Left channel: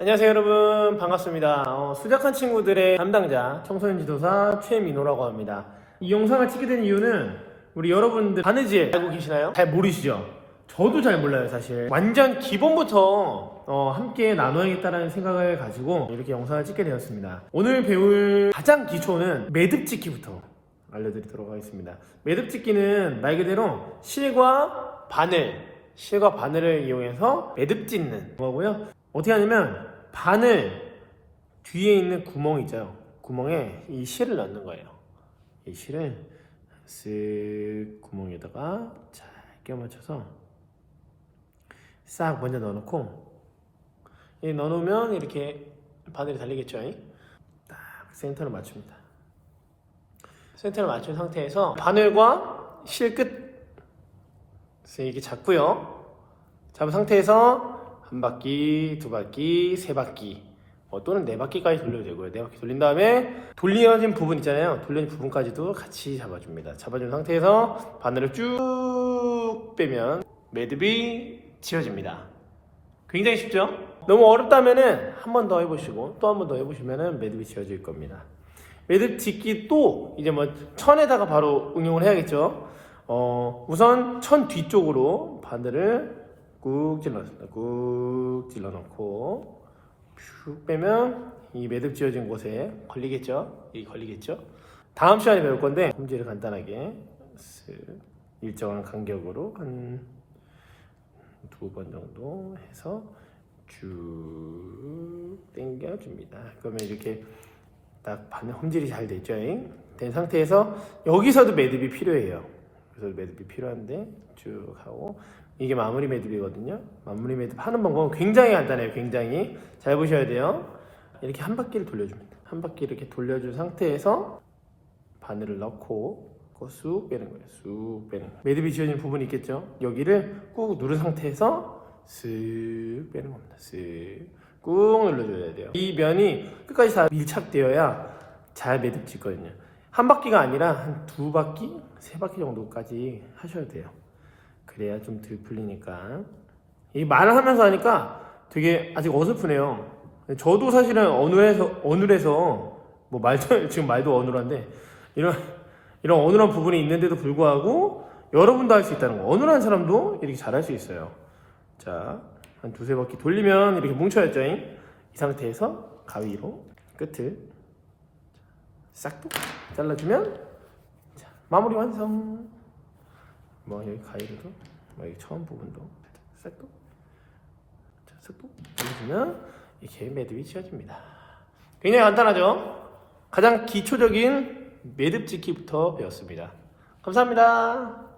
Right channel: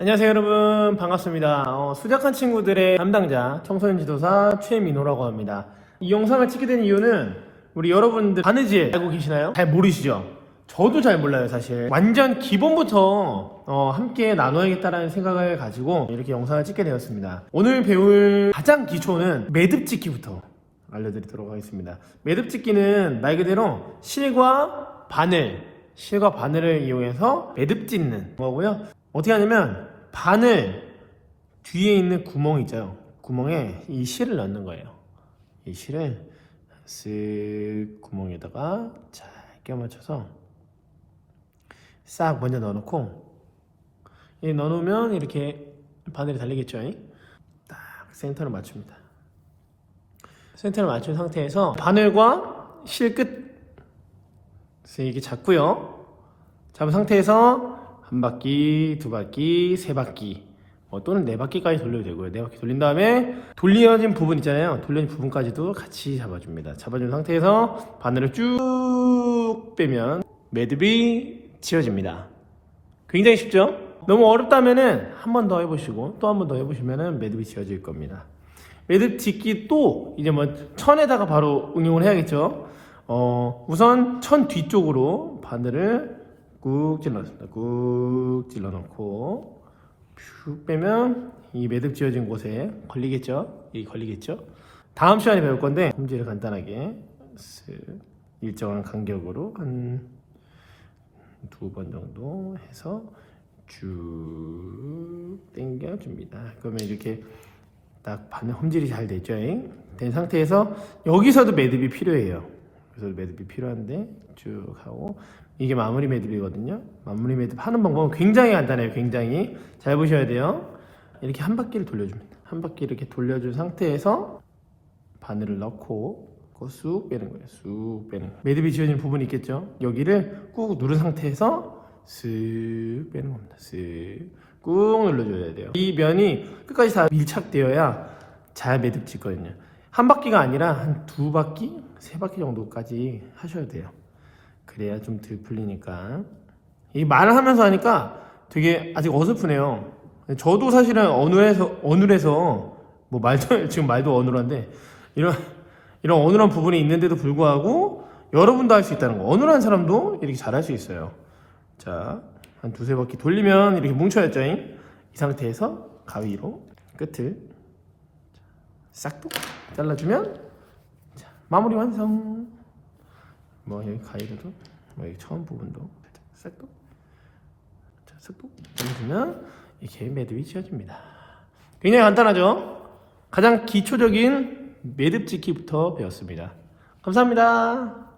안녕하세요 여러분. 반갑습니다. 어, 수작한 친구들의 담당자 청소년 지도사 최민호라고 합니다. 이 영상을 찍게 된 이유는 우리 여러분들 바느질 알고 계시나요? 잘 모르시죠? 저도 잘 몰라요 사실. 완전 기본부터 어, 함께 나눠야겠다라는 생각을 가지고 이렇게 영상을 찍게 되었습니다. 오늘 배울 가장 기초는 매듭 찍기부터 알려드리도록 하겠습니다. 매듭 찍기는 말 그대로 실과 바늘 실과 바늘을 이용해서 매듭 짓는 거고요. 어떻게 하냐면 바늘 뒤에 있는 구멍 있죠. 구멍에 이 실을 넣는 거예요. 이 실을 쓱 구멍에다가 잘 껴맞춰서 싹 먼저 넣어놓고 이 넣어놓으면 이렇게 바늘이 달리겠죠 딱 센터를 맞춥니다. 센터를 맞춘 상태에서 바늘과 실 끝. 이렇게 잡고요. 잡은 상태에서 한 바퀴, 두 바퀴, 세 바퀴 어, 또는 네 바퀴까지 돌려도 되고요. 네 바퀴 돌린 다음에 돌려진 부분 있잖아요. 돌려진 부분까지도 같이 잡아줍니다. 잡아준 상태에서 바늘을 쭉 빼면 매듭이 지어집니다. 굉장히 쉽죠? 너무 어렵다면은 한 번 더 해보시고 또 한 번 더 해보시면은 매듭이 지어질 겁니다. 매듭 짓기 또 이제 뭐 천에다가 바로 응용을 해야겠죠. 어, 우선 천 뒤쪽으로 바늘을 꾹 찔러줍니다. 꾹 찔러놓고 쭉 빼면 이 매듭 지어진 곳에 걸리겠죠? 이 걸리겠죠? 다음 시간에 배울 건데 문제를 간단하게 쓱 일정한 간격으로 한 두 번 정도 해서 쭉 당겨줍니다. 그러면 이렇게 딱 바늘 홈질이 잘 됐죠? 된 상태에서 여기서도 매듭이 필요해요. 그래서 매듭이 필요한데 쭉 하고 이게 마무리 매듭이거든요. 마무리 매듭 하는 방법은 굉장히 간단해요. 굉장히 잘 보셔야 돼요. 이렇게 한 바퀴를 돌려줍니다. 한 바퀴 이렇게 돌려준 상태에서 바늘을 넣고 쑥 빼는 거예요. 쑥 빼는 거예요. 매듭이 지어진 부분이 있겠죠. 여기를 꾹 누른 상태에서 쓱 빼는 겁니다. 쓱꾹 눌러줘야 돼요. 이 면이 끝까지 다 밀착되어야 잘 매듭 짓거든요. 한 바퀴가 아니라 한 두 바퀴, 세 바퀴 정도까지 하셔야 돼요. 그래야 좀 덜 풀리니까. 이 말을 하면서 하니까 되게 아직 어설프네요. 저도 사실은 어눌해서, 어눌해서, 뭐 말도, 지금 말도 어눌한데, 이런, 이런 어눌한 부분이 있는데도 불구하고, 여러분도 할 수 있다는 거. 어눌한 사람도 이렇게 잘할 수 있어요. 자, 한 두세 바퀴 돌리면 이렇게 뭉쳐야죠. 이 상태에서 가위로 끝을 싹 잘라주면 자, 마무리 완성. 뭐 여기 가위로도 여기 처음 부분도 싹둑 자 싹둑 누르면 이렇게 매듭이 지어집니다. 굉장히 간단하죠? 가장 기초적인 매듭 짓기부터 배웠습니다. 감사합니다.